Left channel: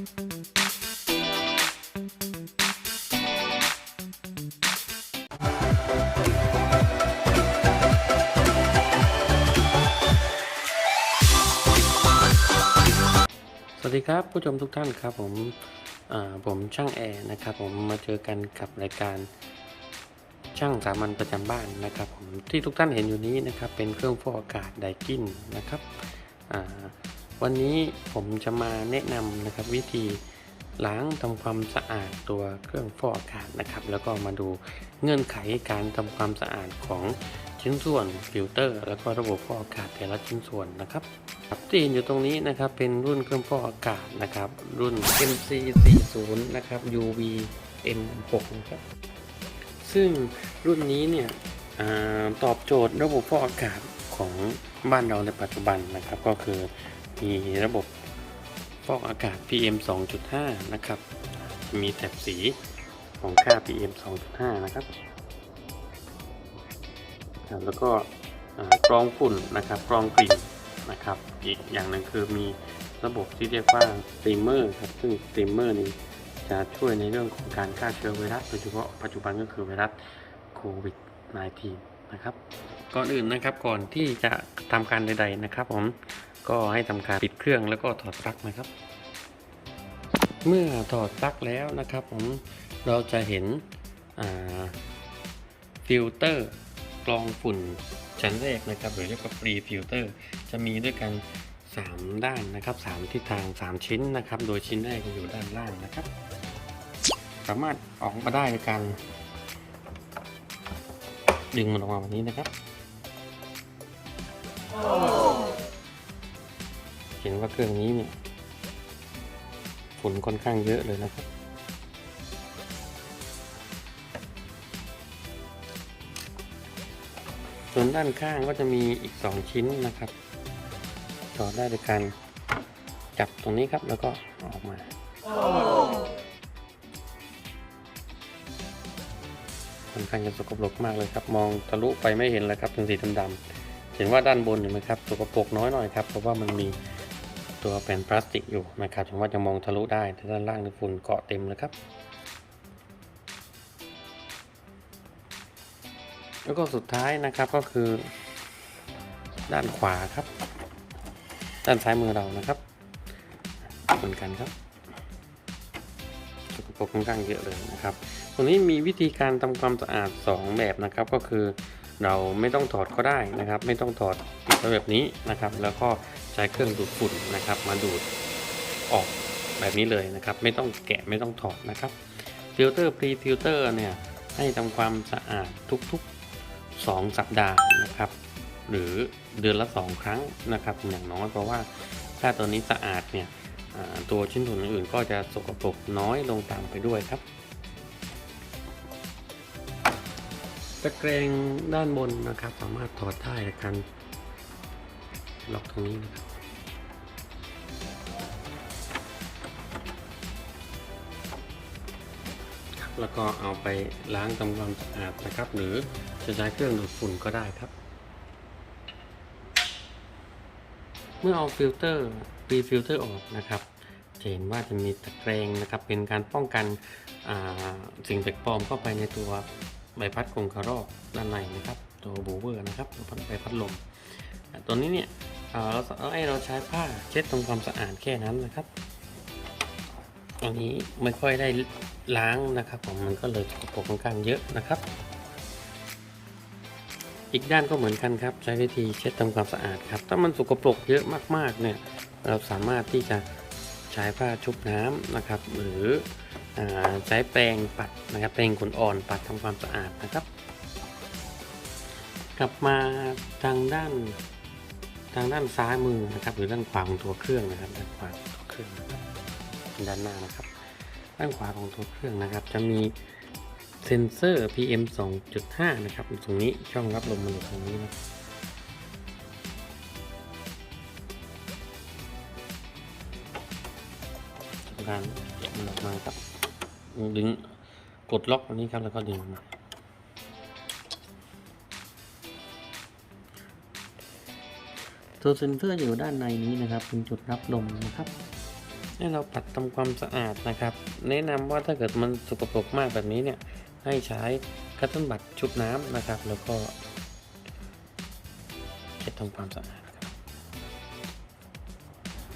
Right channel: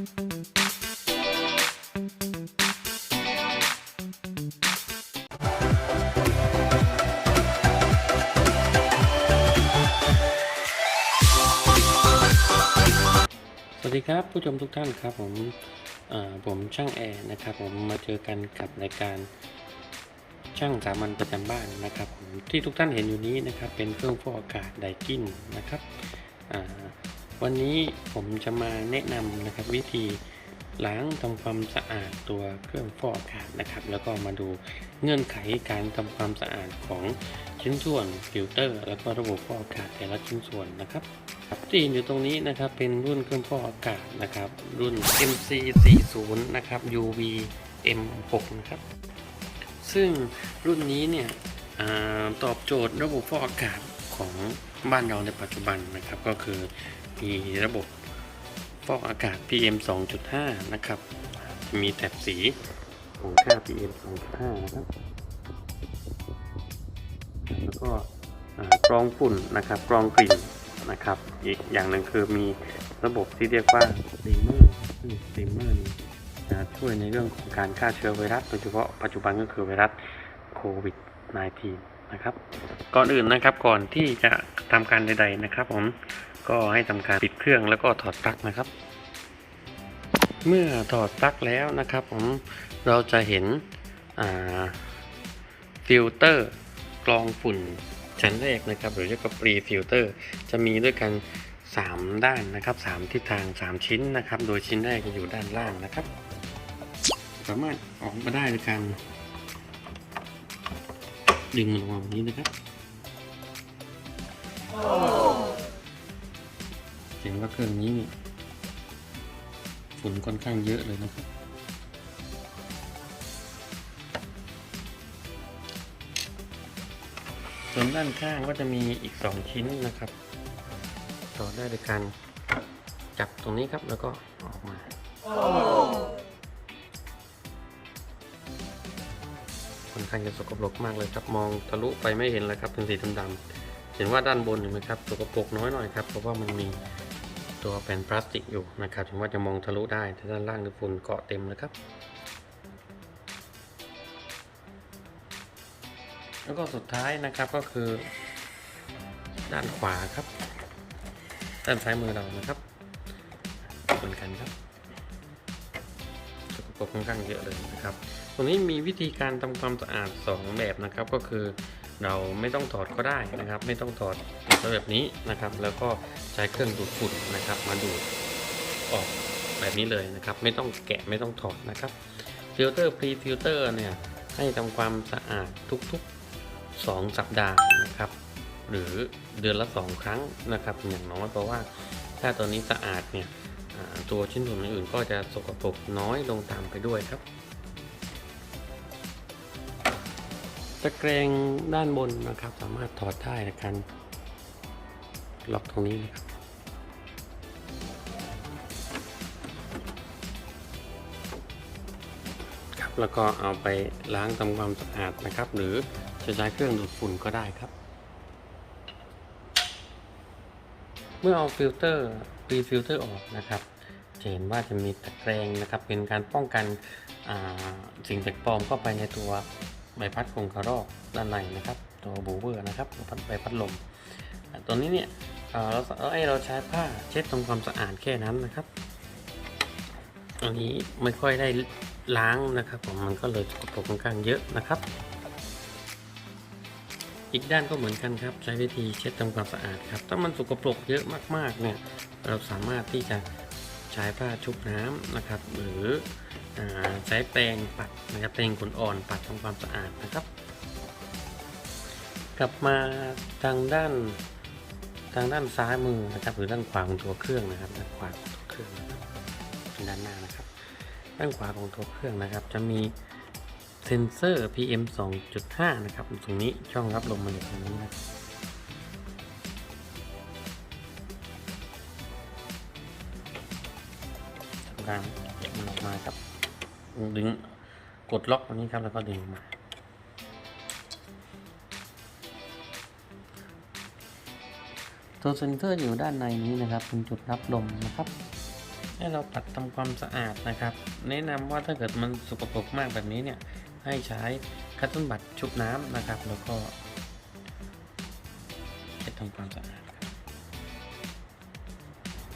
สวัสดีครับผู้ชมทุกท่านครับผมผมช่างแอร์นะครับ ผมมาเจอกันกับรายการช่างสามัญประจำบ้านนะครับผมที่ทุกท่านเห็นอยู่นี้นะครับเป็นเครื่องฟอกอากาศไดกินนะครับ วันนี้ผมจะมาแนะนำนะครับวิธีล้างทำความสะอาดตัวเครื่องฟอกอากาศนะครับ แล้วก็มาดูเงื่อนไขการทำความสะอาดของชิ้นส่วนฟิลเตอร์ แล้วก็ระบบฟอกอากาศแต่ละชิ้นส่วนนะครับครับที่เห็นอยู่ตรงนี้นะครับเป็นรุ่นเครื่องฟอกอากาศนะครับ รุ่น MC40 นะครับ UV M6 นะครับ ซึ่งรุ่นนี้เนี่ยอตอบโจทย์ระบบฟอกอากาศของบ้านเราในปัจจุบันนะครับก็คือ มีระบบฟอกอากาศ PM 2.5 นะครับ มีแถบสีของค่า PM 2.5 นะครับครับ แล้วก็กรองฝุ่นนะครับกรองกลิ่นนะครับ อีกอย่างหนึ่งคือมีระบบที่เรียกว่าสตรีมเมอร์ครับซึ่งสตรีมเมอร์นี้จะช่วยในเรื่องของการฆ่าเชื้อไวรัสโดยเฉพาะปัจจุบันก็คือไวรัสโควิด -19 นะครับ ก่อนอื่นนะครับก่อนที่จะทำการใด ๆ นะครับผม ก็ให้ทำการปิดเครื่องแล้วก็ถอดปลั๊กนะครับ เมื่อถอดปลั๊กแล้วนะครับผมเราจะเห็นฟิลเตอร์กรองฝุ่นชั้นแรกนะครับ หรือเรียกว่าปรีฟิลเตอร์จะมีด้วยกัน 3 ด้านนะครับ 3 ทิศทาง 3 ชิ้นนะครับ โดยชิ้นแรกจะอยู่ด้านล่างนะครับ สามารถออกมาได้โดยการดึงมันออกมาแบบนี้นะครับ เห็นว่าเครื่องนี้เนี่ยฝุ่นค่อนข้างเยอะเลยนะครับส่วนด้านข้างก็จะมีอีก 2 ชิ้นนะครับ ต่อได้โดยการจับตรงนี้ครับแล้วก็ออกมา ค่อนข้างจะสกปรกมากเลยครับ มองทะลุไปไม่เห็นเลยครับเป็นสีดำๆเห็นว่าด้านบนเห็นไหมครับสกปรกน้อยหน่อยครับเพราะว่ามันมี ตัวแผ่นพลาสติกอยู่นะครับถึงว่าจะมองทะลุได้แต่ด้านล่างนี่ฝุ่นเกาะเต็มเลยครับ แล้วก็สุดท้ายนะครับก็คือ ด้านขวาครับ ด้านซ้ายมือเรานะครับเหมือนกันครับสกปรกค่อนข้างเยอะเลยนะครับตรงนี้มีวิธีการทำความสะอาด 2 แบบนะครับก็คือ เราไม่ต้องถอดก็ได้นะครับ ไม่ต้องถอดติดไว้แบบนี้นะครับ แล้วก็ใช้เครื่องดูดฝุ่นนะครับ มาดูดออกแบบนี้เลยนะครับ ไม่ต้องแกะไม่ต้องถอดนะครับฟิลเตอร์พรีฟิลเตอร์เนี่ยให้ทำความสะอาดทุกๆ 2 สัปดาห์นะครับ หรือเดือนละ 2 ครั้งนะครับอย่างน้อยเพราะว่าถ้าตัวนี้สะอาดเนี่ยตัวชิ้นส่วนอื่นๆก็จะสกปรกน้อยลงตามไปด้วยครับ ตะแกรงด้านบนนะครับ สามารถถอดได้ในการล็อกตรงนี้นะครับแล้วก็เอาไปล้างทำความสะอาดนะครับ หรือจะใช้เครื่องดูดฝุ่นก็ได้ครับ เมื่อเอาฟิลเตอร์ปีฟิลเตอร์ออกนะครับจะเห็นว่าจะมีตะแกรงนะครับ เป็นการป้องกันสิ่งแปลกปลอมเข้าไปในตัว ใบพัดกรงกระรอกด้านในนะครับ ตัวบูเวอร์นะครับตัวใบพัดลมตัวนี้เนี่ยเราเราให้เราใช้ผ้าเช็ดทำความสะอาดแค่นั้นนะครับอันนี้ไม่ค่อยได้ล้างนะครับผมมันก็เลยสกปรกค่อนข้างเยอะนะครับ อีกด้านก็เหมือนกันครับ ใช้วิธีเช็ดทำความสะอาดครับ ถ้ามันสกปรกเยอะมากๆเนี่ยเราสามารถที่จะ ใช้ผ้าชุบน้ำนะครับ หรืออใช้แปรงปัดนะครับแปรงขนอ่อนปัดทำความสะอาดนะครับ กลับมาทางด้านทางด้านซ้ายมือนะครับ หรือด้านขวาของตัวเครื่องนะครับ ด้านขวาของตัวเครื่องนะครับด้านหน้านะครับ ด้านขวาของตัวเครื่องนะครับ จะมีเซนเซอร์ PM 2.5 นะครับตรงนี้ช่องรับลมมันอยู่ตรงนี้นะครับ การมันออกมาครับดึงกดล็อกตรงนี้ครับแล้วก็ดึงออกมาตัวเซนเซอร์อยู่ด้านในนี้นะครับเป็นจุดรับลมนะครับ ให้เราปัดทำความสะอาดนะครับ แนะนำว่าถ้าเกิดมันสกปรกมากแบบนี้เนี่ยให้ใช้คัตเติ้ลบัตชุบน้ำนะครับ แล้วก็ไปทำความสะอาด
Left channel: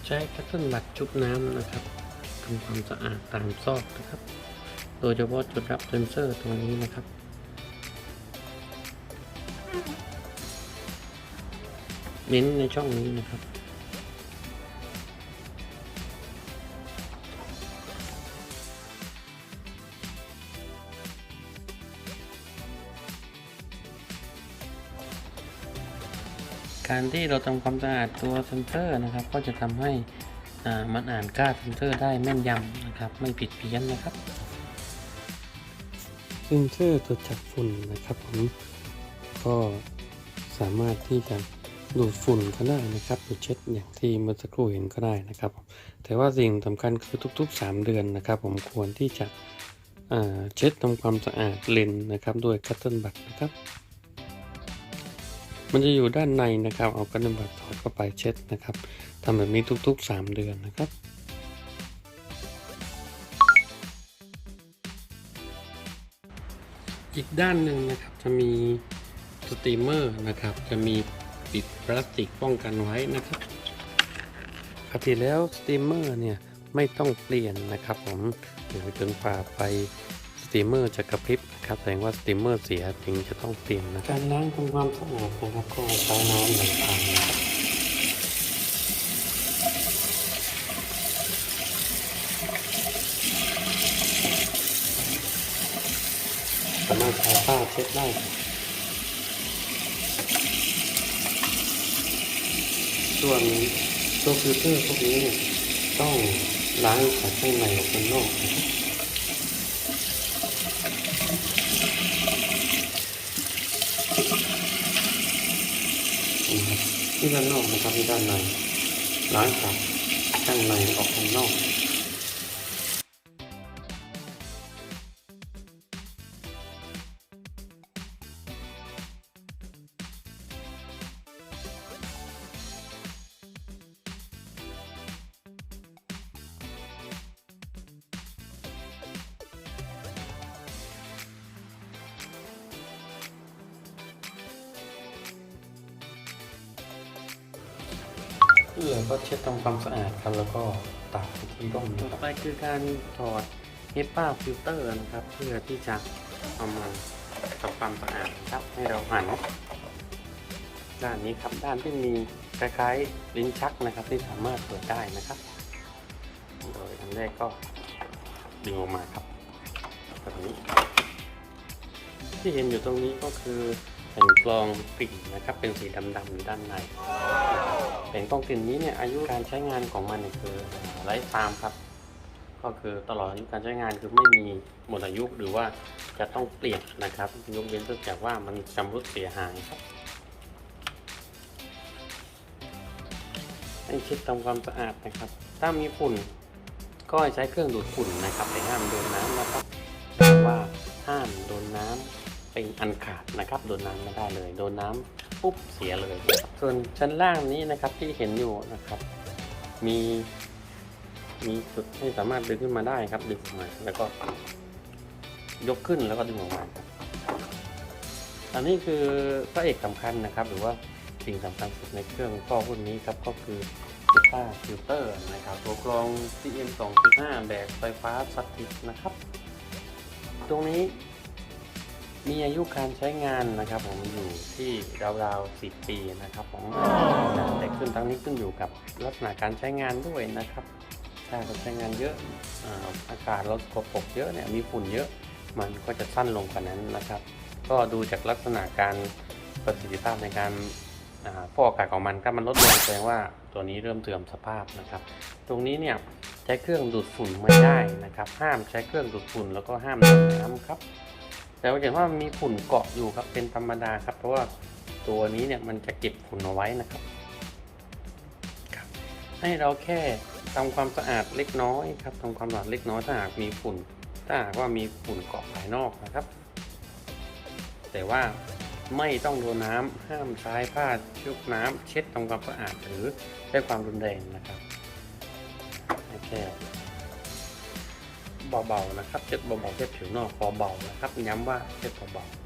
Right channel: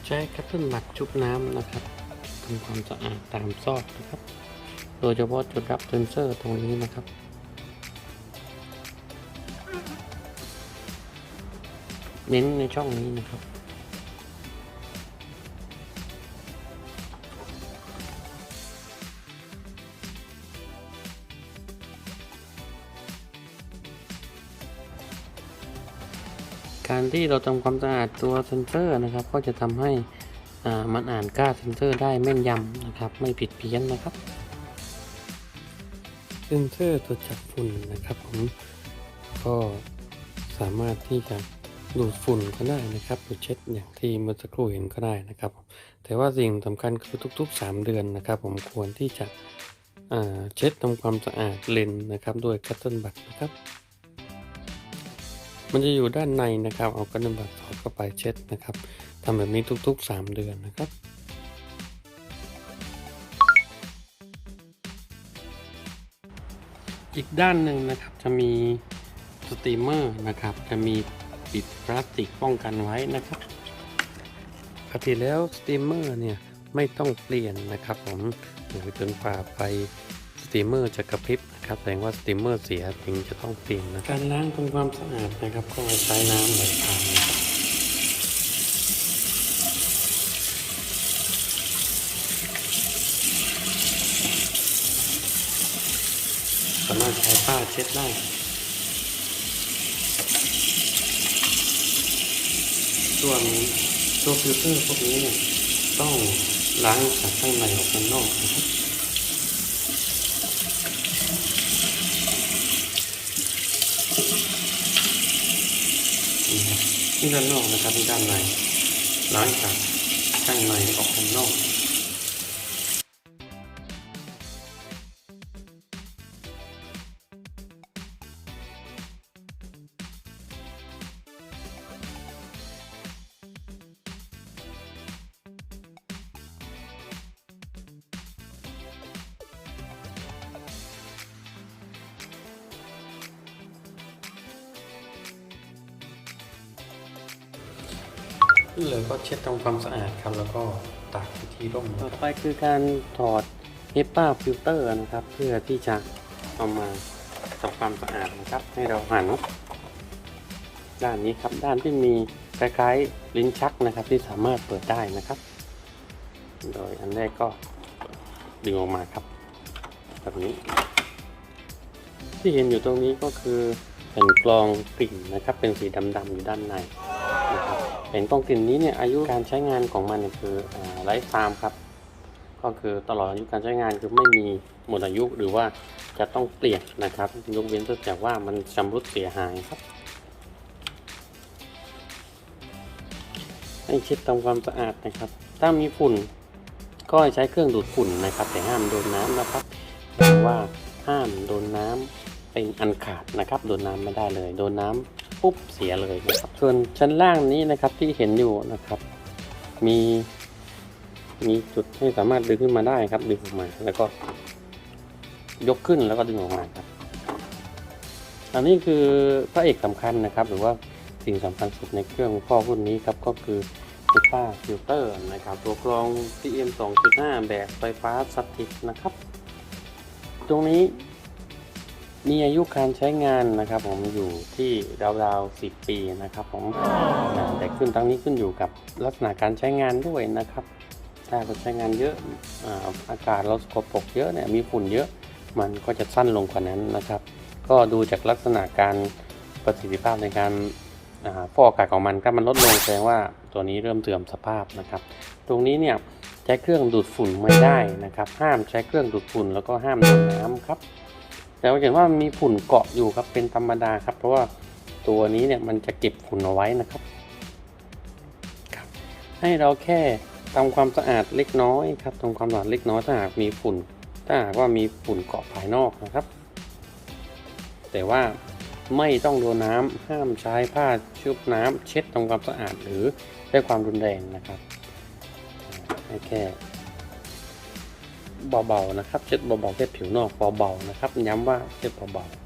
ใช้คัตเติ้ลบัตชุบน้ำนะครับ ทำความสะอาดตามซอกนะครับ โดยเฉพาะจุดรับเซนเซอร์ตรงนี้นะครับเน้นในช่องนี้นะครับ การที่เราทำความสะอาดตัวเซนเซอร์นะครับ ก็จะทำให้ มันอ่านค่าเซนเซอร์ได้แม่นยำนะครับ ไม่ผิดเพี้ยนนะครับเซนเซอร์ตรวจจับฝุ่นนะครับผมก็สามารถที่จะดูดฝุ่นก็ได้นะครับหรือเช็ดอย่างที่เมื่อสักครู่เห็นก็ได้นะครับ แต่ว่าสิ่งสำคัญคือทุก ๆ 3 เดือนนะครับ ผมควรที่จะเช็ดทำความสะอาดเลนนะครับด้วยคัตเติ้ลบัตนะครับ มันจะอยู่ด้านในนะครับ เอาคัตเติ้ลบัตสอดเข้าไปเช็ดนะครับ ทำแบบนี้ทุก ๆ 3 เดือนนะครับ อีกด้านหนึ่งนะครับจะมีสตรีมเมอร์นะครับ จะมีปิดพลาสติกป้องกันไว้นะครับปกติแล้วสตรีมเมอร์เนี่ยไม่ต้องเปลี่ยนนะครับผมหรือจนฝ่าไฟสตรีมเมอร์จะกระพริบนะครับแสดงว่าสตรีมเมอร์เสียถึงจะต้องเปลี่ยนนะการล้างทำความสะอาดนะครับก็ใช้น้ำไหลผ่านนะครับามารถใช้ผ้าเช็ดได้ครับส่วนตัวฟิลเตอร์พวกนี้เนี่ยต้องล้างจากข้างในออกข้างนอกนะครับนี่ครับที่ด้านนอกนะครับที่ด้านในล้างจากข้างในออกข้างนอก เลยก็เช็ดทำความสะอาดครับ แล้วก็ตากที่ร่มต่อไปคือการถอดเฮปป้าฟิลเตอร์นะครับ เพื่อที่จะเอามาทำความสะอาดนะครับ ให้เราหันด้านนี้ครับด้านที่มีคล้ายๆลิ้นชักนะครับ ที่สามารถเปิดได้นะครับ โดยอันแรกก็ดึงออกมาครับแบบนี้ ที่เห็นอยู่ตรงนี้ก็คือเป็นกรองกลิ่นนะครับ เป็นสีดำๆอยู่ด้านใน เห็นกรองกลิ่นนี้เนี่ยอายุการใช้งานของมันคือไลฟ์ไทม์ครับ ก็คือตลอดอายุการใช้งานคือไม่มีหมดอายุหรือว่าจะต้องเปลี่ยนนะครับยกเว้นตัวจากว่ามันชำรุดเสียหายครับ ให้เช็ดทำความสะอาดนะครับ ถ้ามีฝุ่นก็ให้ใช้เครื่องดูดฝุ่นนะครับแต่ห้ามโดนน้ำนะครับหรือว่าห้ามโดนน้ำ เป็นอันขาดนะครับ โดนน้ำไม่ได้เลย โดนน้ำปุ๊บเสียเลยนะครับส่วนชั้นล่างนี้นะครับที่เห็นอยู่นะครับ มีมีจุดให้สามารถดึงขึ้นมาได้ครับดึงออกมาแล้วก็ยกขึ้นแล้วก็ดึงออกมาครับอันนี้คือพระเอกสำคัญนะครับ หรือว่าสิ่งสำคัญสุดในเครื่องข้อรุ่นนี้ครับก็คือซูเปอร์ฟิลเตอร์นะครับตัวกรอง PM 2.5 แบบไฟฟ้าสถิตนะครับ ตรงนี้ มีอายุการใช้งานนะครับ ผมอยู่ที่ราวๆ10 ปีนะครับผมแต่ขึ้นตรงนี้ขึ้นอยู่กับลักษณะการใช้งานด้วยนะครับ ถ้าเราใช้งานเยอะอาอากาศเราสกปรกเยอะเนี่ยมีฝุ่นเยอะมันก็จะสั้นลงกว่านั้นนะครับ ก็ดูจากลักษณะการประสิทธิภาพในการฟอกอากาศของมันถ้ามันลดลงแสดงว่าตัวนี้เริ่มเสื่อมสภาพนะครับ ตรงนี้เนี่ยใช้เครื่องดูดฝุ่นไม่ได้นะครับ ห้ามใช้เครื่องดูดฝุ่นแล้วก็ห้ามโดน้ำครับ แต่เราเห็นว่ามีฝุ่นเกาะอยู่ครับเป็นธรรมดาครับ เพราะว่าตัวนี้เนี่ยมันจะเก็บฝุ่นเอาไว้นะครับ ให้เราแค่ทำความสะอาดเล็กน้อยครับทำความสะอาดเล็กน้อยถ้าหากมีฝุ่น ถ้าหากว่ามีฝุ่นเกาะภายนอกนะครับ แต่ว่าไม่ต้องโดนน้ำห้ามใช้ผ้าชุบน้ำเช็ดทำความสะอาดหรือใช้ความรุนแรงนะครับให้แค่ เบาๆนะครับเช็ดเบาๆแค่ผิวนอกเบาๆนะครับ ย้ำว่าเช็ดเบาๆ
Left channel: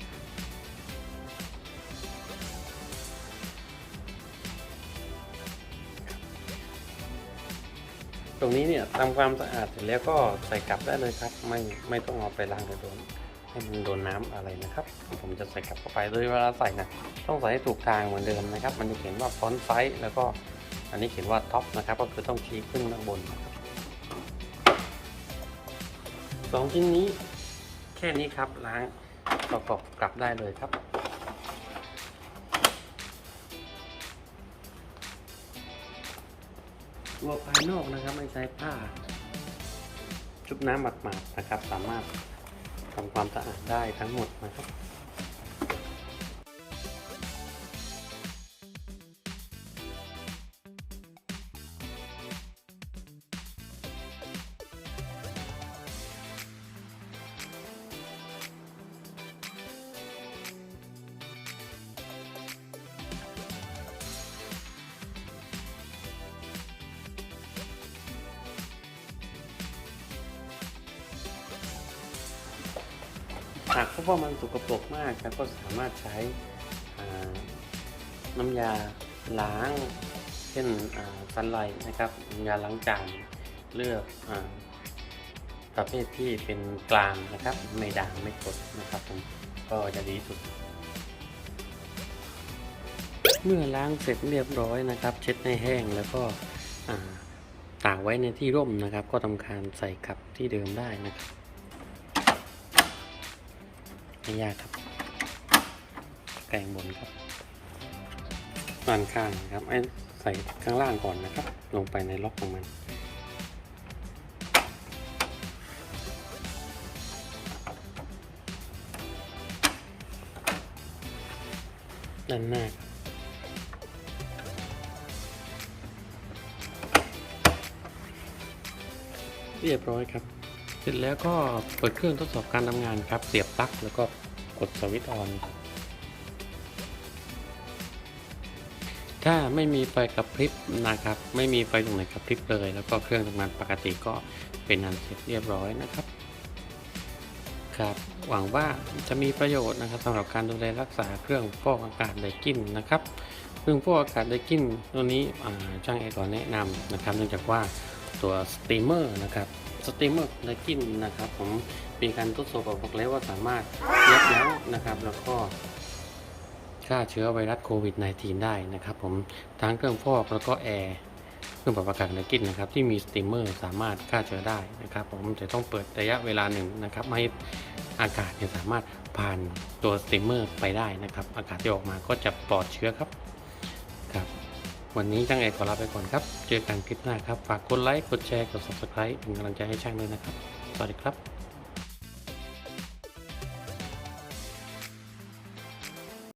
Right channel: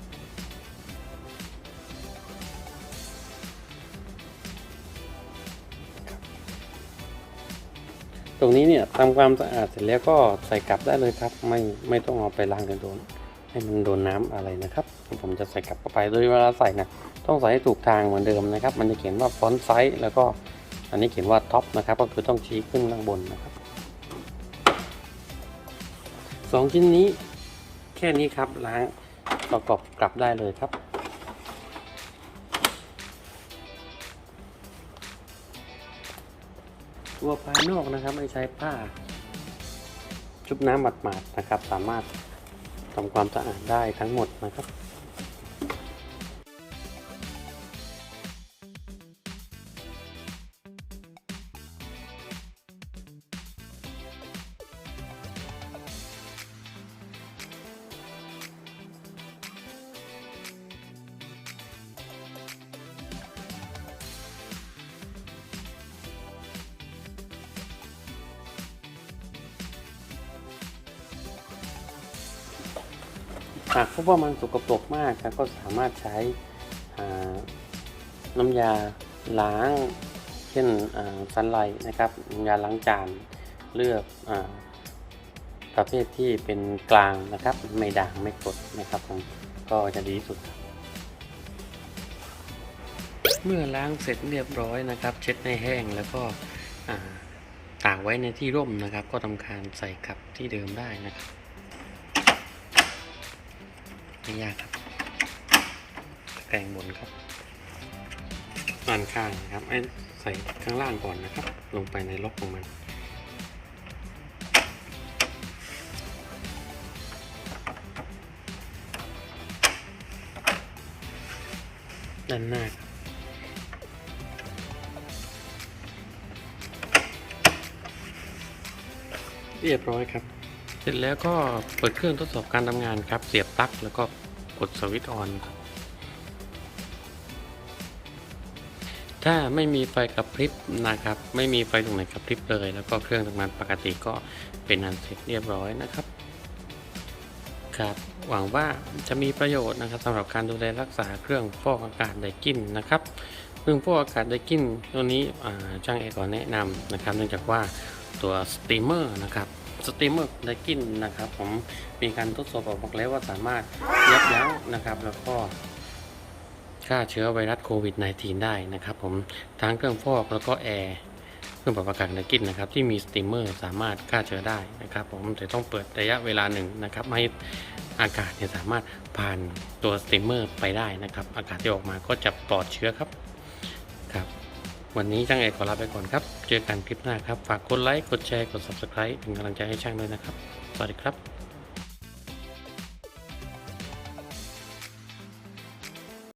ตรงนี้เนี่ยทำความสะอาดเสร็จแล้วก็ใส่กลับได้เลยครับ ไม่ไม่ต้องเอาไปล้างโดนให้มันโดนน้ำอะไรนะครับ ผมจะใส่กลับเข้าไปโดยเวลาใส่นะต้องใส่ให้ถูกทางเหมือนเดิมนะครับ มันจะเขียนว่าฟอนต์ไซส์แล้วก็อันนี้เขียนว่าท็อปนะครับ ก็คือต้องชี้ขึ้นข้างบนนะครับ สองชิ้นนี้แค่นี้ครับล้างประกอบกลับได้เลยครับ ตัวภายนอกนะครับไม่ใช้ผ้าชุบน้ำหมาดๆนะครับ สามารถทำความสะอาดได้ทั้งหมดนะครับ หากพบว่ามันสกปรกมากเราก็สามารถใช้น้ำยาล้างเช่นซันไลท์นะครับน้ำยาล้างจานเลือกอประเภทที่เป็นกลางนะครับ ไม่ด่างไม่กดนะครับผมก็จะดีที่สุด เมื่อล้างเสร็จเรียบร้อยนะครับ เช็ดให้แห้งแล้วก็ตากไว้ในที่ร่มนะครับ ก็ทำการใส่กลับที่เดิมได้นะครับ ไม่ยากครับแกงบนครับด้านข้างนะครับไอ้ใส่ข้างล่างก่อนนะครับ ลงไปในล็อกของมันด้านหน้าครับเรียบร้อยครับ ร็จแล้วก็เปิดเครื่องทดสอบการทำงานครับ เสียบปลั๊กแล้วก็กดสวิตช์ออนครับถ้าไม่มีไฟกระพริบนะครับ ไม่มีไฟตรงไหนกระพริบเลย แล้วก็เครื่องทำงานปกติก็เป็นอันเสร็จเรียบร้อยนะครับ ครับ หวังว่าจะมีประโยชน์นะครับสำหรับการดูแลรักษาเครื่องฟอกอากาศไดกินนะครับเครื่องฟอกอากาศไดกินตัวนี้ช่างแอร์ก่อนแนะนำนะครับ เนื่องจากว่าตัวสตรีมเมอร์นะครับ สตรีมเมอร์ไดกินนะครับผมมีการทดสอบบอกแล้วว่าสามารถยับยั้งนะครับ แล้วก็ฆ่าเชื้อไวรัสโควิด -19 ได้นะครับผมทั้งเครื่องฟอกแล้วก็แอร์เครื่องปรับอากาศไดกินนะครับที่มีสตรีมเมอร์สามารถฆ่าเชื้อได้นะครับ ผมแต่ต้องเปิดระยะเวลาหนึ่งนะครับให้อากาศเนี่ยสามารถผ่านตัวสตรีมเมอร์ไปได้นะครับ อากาศที่ออกมาก็จะปลอดเชื้อครับ วันนี้ช่างเอกขอลาไปก่อนครับ เจอกันคลิปหน้าครับ ฝากกดไลค์ กดแชร์ กด subscribe เป็นกำลังใจให้ช่างด้วยนะครับ สวัสดีครับ